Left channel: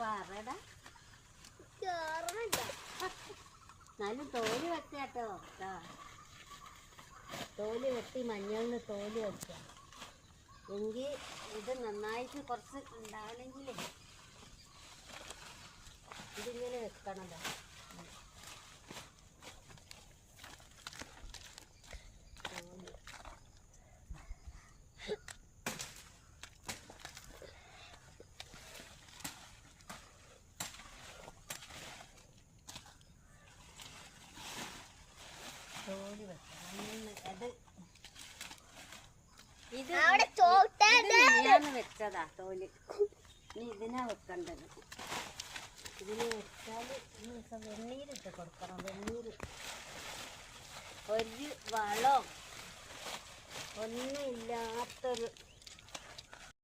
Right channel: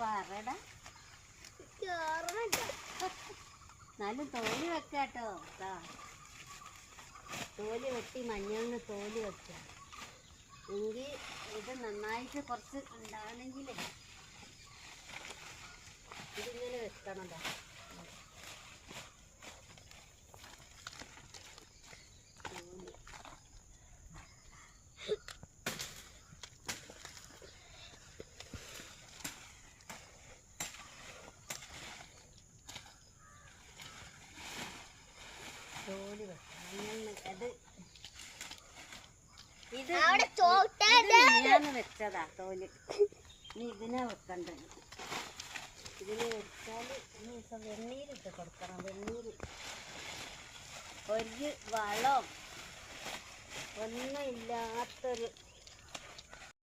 പറടാ എന്നാലും തോല് വെക്കാട്ടോ. തോല് വെട്ടി മഞ്ഞളിന് തോല് വെക്ക. എങ്കിൽ ഇത് നന്നായിട്ട് കുറച്ച് ഉണ്ടാവണമെങ്കിൽ ഇതിങ്ങനെ വെക്കണതാ. തോല് വെക്കണം. അത് ഇത് ഞാന്ന് വെച്ചതാ തോല്. ഇനി ഇതിനാ വെക്കണ്ടത്. ഇതിന് വെച്ചാൽ വെണ്ണീരിട്ട് കൊടുക്കണം. വെണ്ണീര് ഒരു വളം ഒന്നും ഇല്ലാത്തൊരു